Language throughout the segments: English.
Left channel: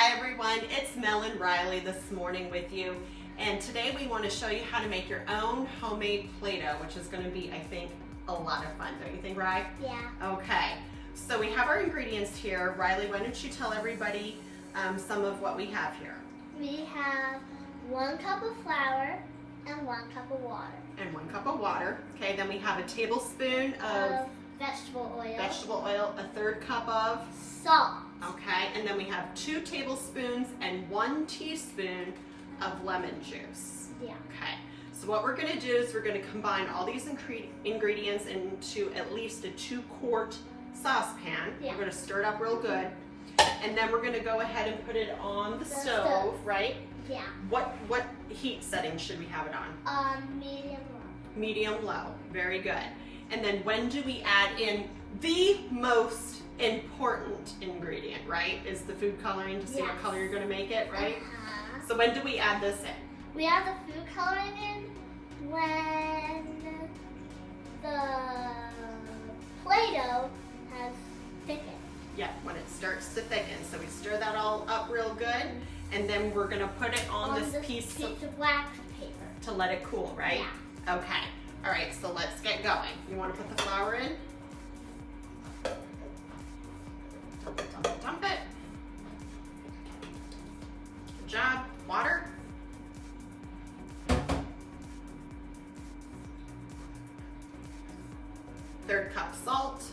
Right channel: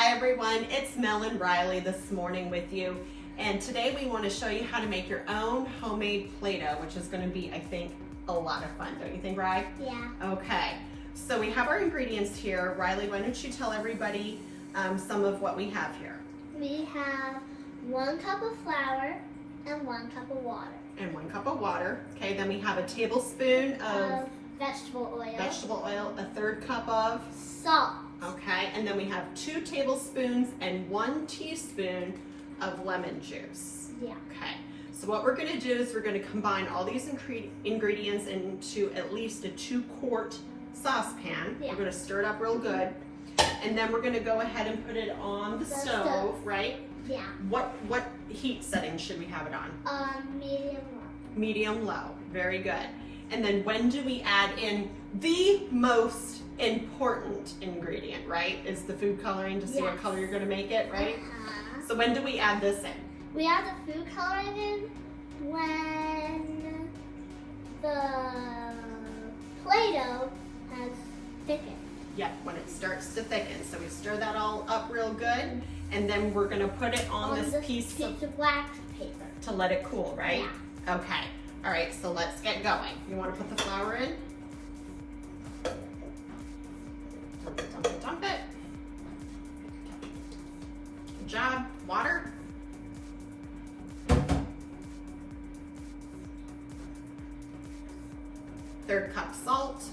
Hi everyone, it's Mel and Riley this morning with you, and today we want to show you how to make your own homemade Play-Doh, which is going to be, I think, a lot of fun. Don't you think, Riley? Yeah. Okay, so we have our ingredients here. Riley, why don't you tell everybody some of what we have here? We have 1 cup of flour and 1 cup of water. And 1 cup of water. Okay, then we have a tablespoon of vegetable oil. Vegetable oil, a 1/3 cup of salt. Okay, and then we have 2 tablespoons and 1 teaspoon of lemon juice. Yeah. Okay, so what we're gonna do is we're gonna combine all these ingredients into at least a 2-quart saucepan. Yeah. We're gonna stir it up real good. And then we're gonna go ahead and put it on the stove, right? Yeah. What heat setting should we have it on? Medium low. Medium low, very good. And then when do we add in the most important ingredient, right? Is the food coloring to see what color you're gonna make it, right? So when do we add this in? We add the food coloring in when the Play-Doh has thickened. Yeah, when it starts to thicken. So we stir that all up real good, and then we're gonna put it on this piece of wax paper to let it cool, right? Yeah. Okay. All right, so let's get going. You wanna put the flour in? Dump it. Good job. Water. Third cup salt.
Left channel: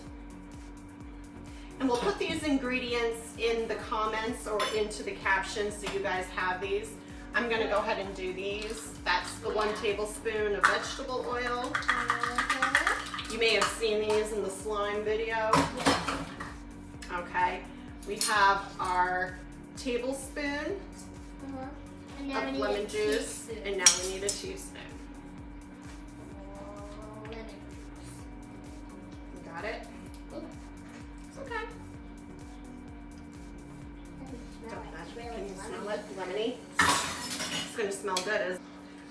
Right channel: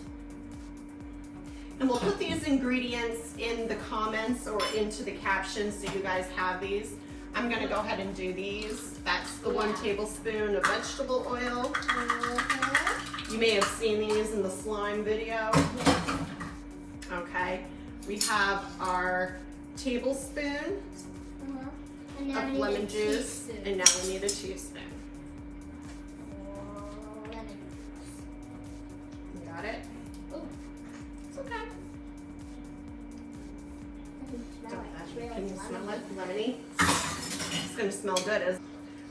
And we'll put these ingredients in the comments or into the captions so you guys have these. I'm gonna go ahead and do these. That's the 1 tablespoon of vegetable oil. You may have seen these in the slime video. Okay, we have our tablespoon of lemon juice, and now we need a teaspoon. Lemon juice. You got it? It's okay. Can you smell it? Lemony? It's gonna smell good.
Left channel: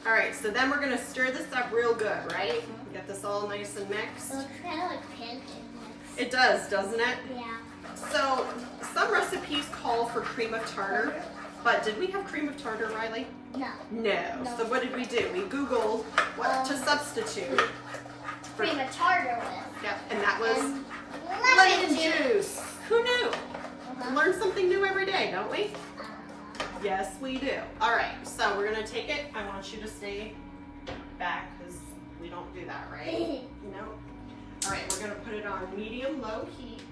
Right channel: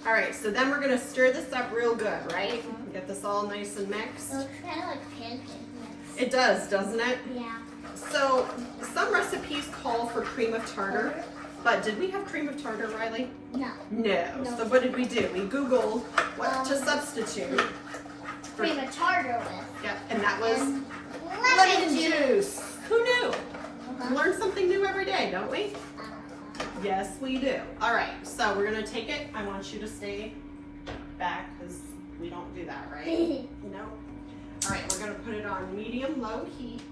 All right, so then we're gonna stir this up real good, right? Get this all nice and mixed. It looks kind of like pancake mix. It does, doesn't it? Yeah. So some recipes call for cream of tartar, but did we have cream of tartar, Riley? No. No. So what did we do? We Googled what to substitute. Cream of tartar with. Yep, and that was Lemon juice. Who knew? We learn something new every day, don't we? Yes, we do. All right, so we're gonna take it. I want you to stay back because we don't do that, right? No. All right, we're gonna put it on medium-low heat.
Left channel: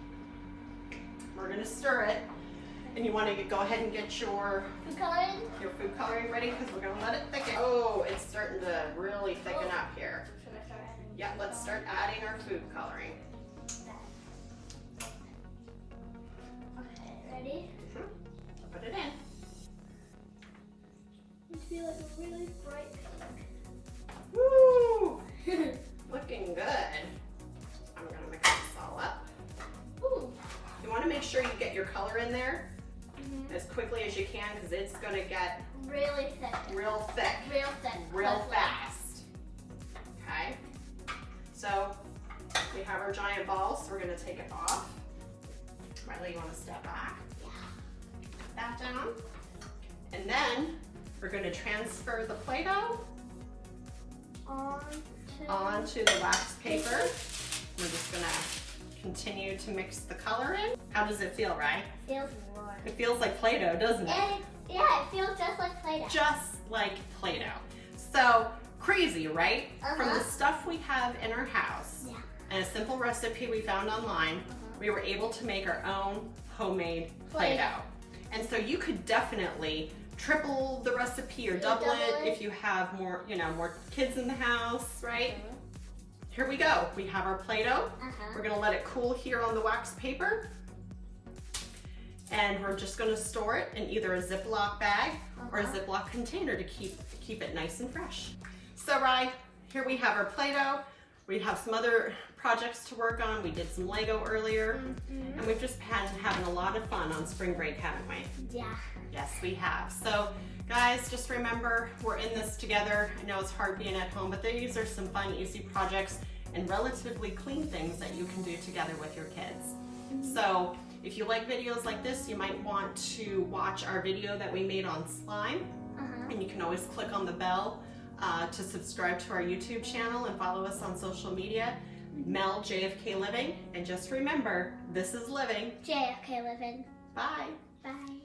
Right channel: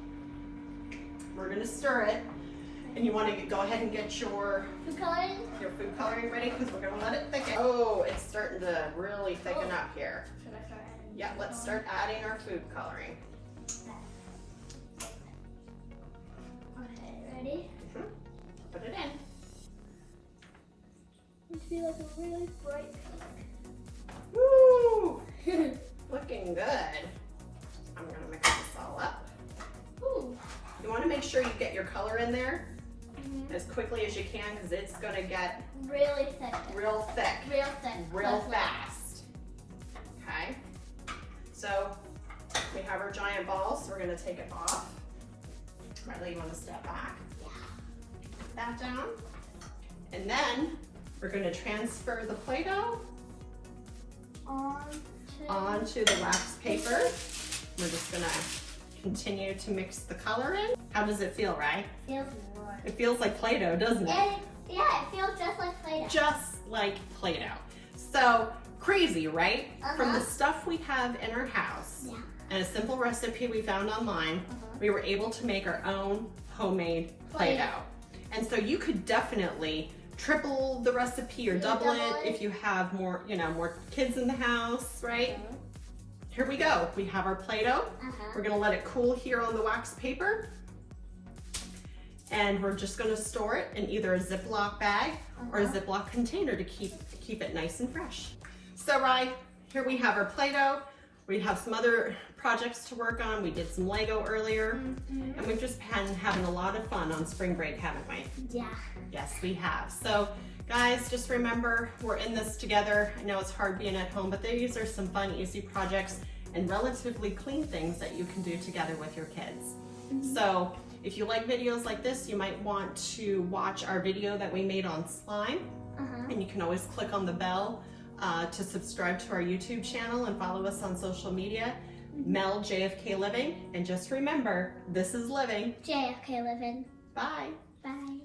We're gonna stir it, and you want to go ahead and get your food coloring ready because we're gonna let it thicken. Oh, it's starting to really thicken up here. Should I start adding? Yeah, let's start adding our food coloring. Okay, ready? Put it in. I feel like a really bright Woo! Looking good. I'm gonna mix this all up. Ooh. You want to make sure you get your color in there as quickly as you can because it's gonna get really thick. real thick. Real thick. Real fast. Okay. So we have our giant ball, so we're gonna take it off. Riley, you want to step back? Yeah. Put that down. And then we're gonna transfer the Play-Doh onto the wax paper. We're just gonna continue to mix the color in. How does it feel, right? Feels warm. It feels like Play-Doh, doesn't it? Yeah, it feels just like Play-Doh. Just like Play-Doh. So crazy, right? From the stuff we have in our house and a simple recipe we found online, we were able to make our own homemade Play-Doh. And so you could definitely triple the recipe or double it if you have more, more kids in the house, right? Here we go. We have our Play-Doh. We're gonna let it cool here on the wax paper. And we're just gonna store it in either a Ziploc bag or a Ziploc container to keep it nice and fresh. So, here we have our Play-Doh. We have some other projects to work on. We did some Lego earlier, and we've just been having a lot of fun on spring break, haven't we? Yeah. Yes, we have. So, guys, just remember, we're in this together. I know it's hard being at home, but these are some fun, easy projects and relatively clean things that you can do together with your kids. So If you like videos like this, you might want to watch our video that we made on slime. And you can always click on the bell to subscribe to our YouTube channel and follow us on social media. Mel JFK Living. And just remember, this is living. JFK Living. Bye. Bye.